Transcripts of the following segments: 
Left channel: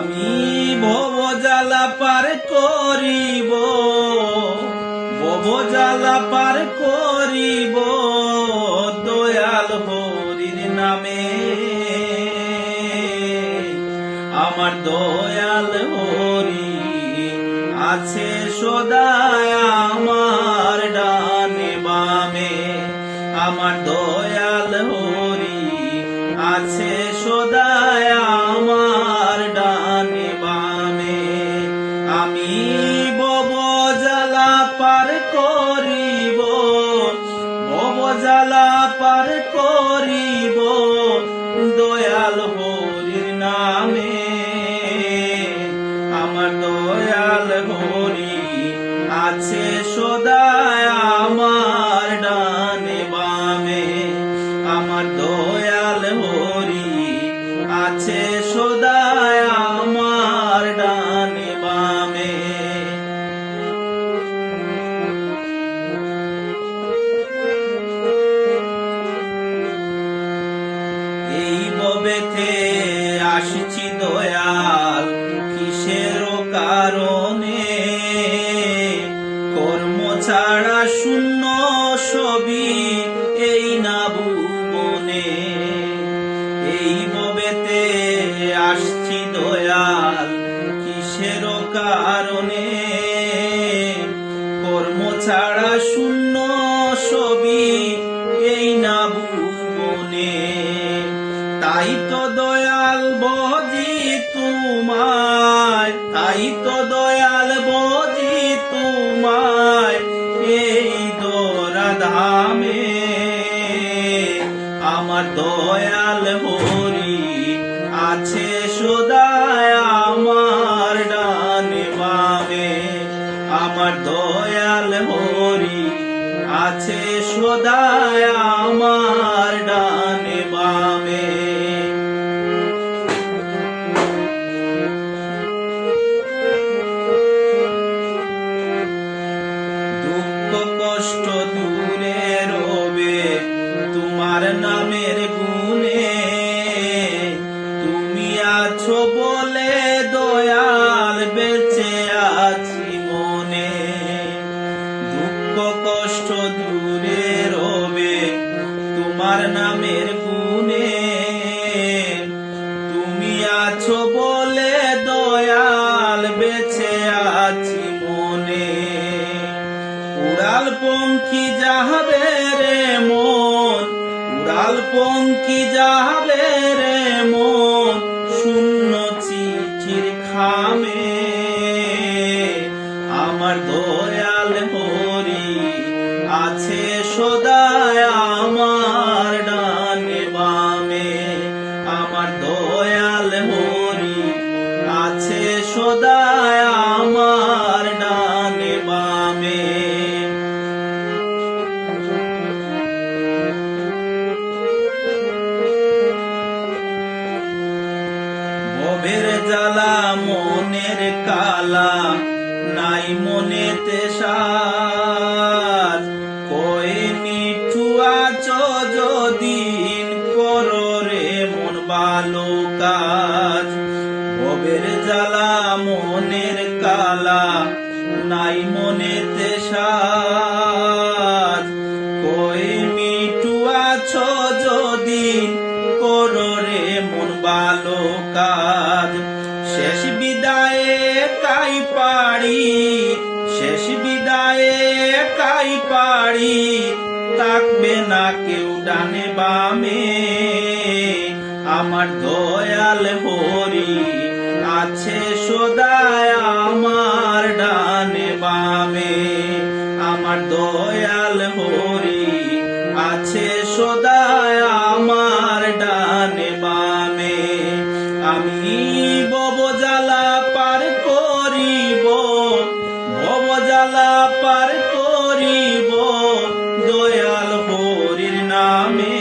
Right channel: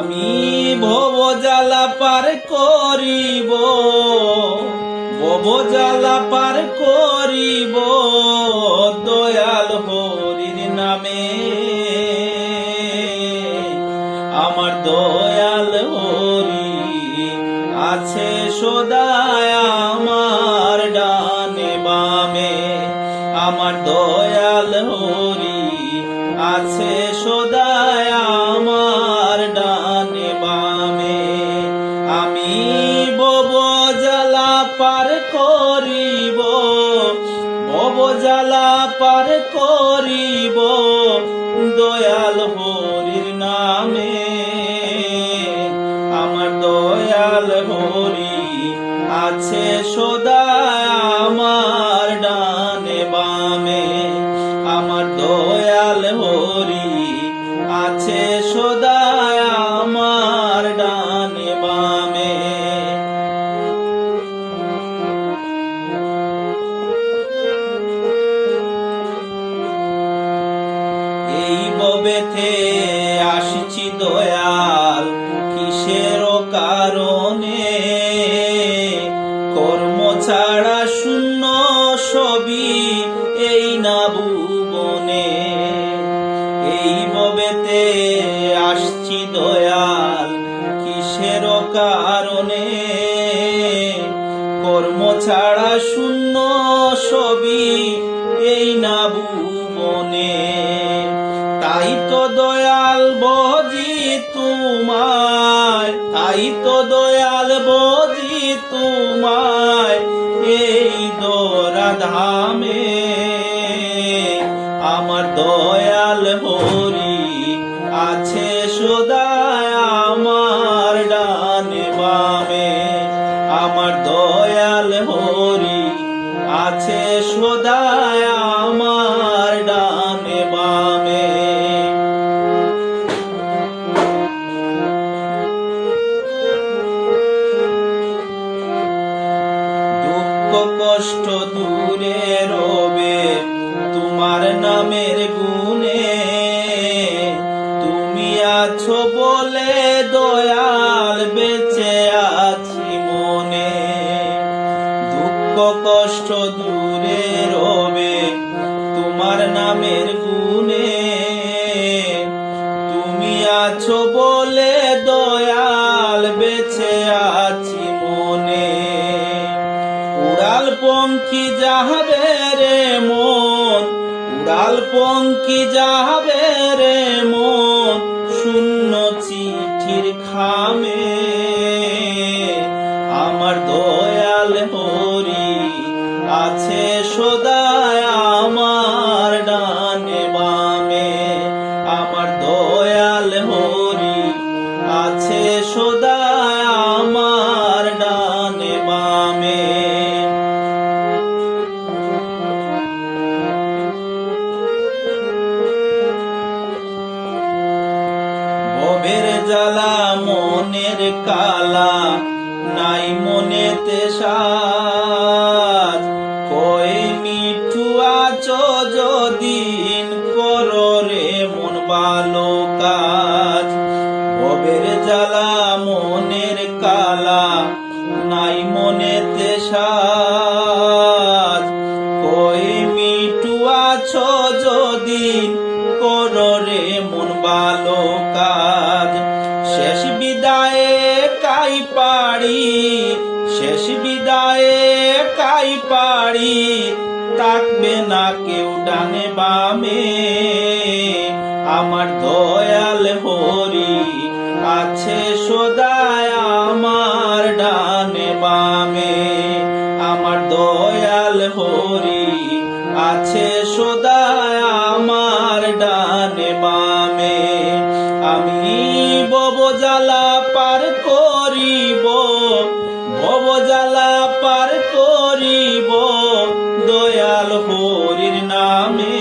আমি ভব জ্বালা পার করিব, ভব জ্বালা পার করিব, দয়াল হরির নামে। আমার দয়াল হরি আছে সদায় আমার ডানে বামে। আমার দয়াল হরি আছে সদায় জ্বালা পার করিব। ববেতে আসছি দয়াল, কিসের কারণে? কর্ম ছাড়া শূন্য সবই এই না ভুবনে তাই তো দয়াল বজি তোমায়, তাই তো দয়াল বজি তোমায় এই দোরা ধামে আমার দয়াল হরি আছে সদায় আমার ডানে বামে। আমার দয়াল হরি আছে সদায় আমার ডানে বামে। দুঃখ কষ্ট দূরে রবে গুণে। তুমি আছো বলে দয়াল, বেঁচে আছি মনে। উড়াল পঙ্খী যাবে রে মন, উড়াল পঙ্খী যাবে রে মন, শূন্য চিঠির খামে জ্বালা মনের কালা, নাই মনেতে সাজ। কই মিঠু আছো যদিন করো রে মন ভালো কাজ। মনের কালা, নাই মনেতে সাজ। কই মিঠু আছো যদিন রে মন কাই পাড়ি থাকবে না কেউ ডানে বামে। আমার দয়াল হরি আছে সদায় আমার জ্বালা পার করিব, দয়াল হরির নামে।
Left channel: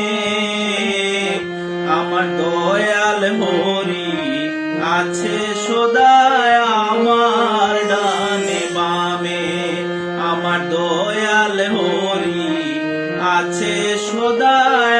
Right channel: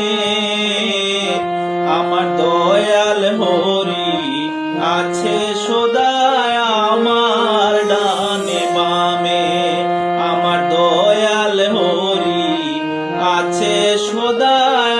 আমার দয়াল হরি আছে সদায় আমার ডানে বামে। আমার দয়াল হরি আছে সদায়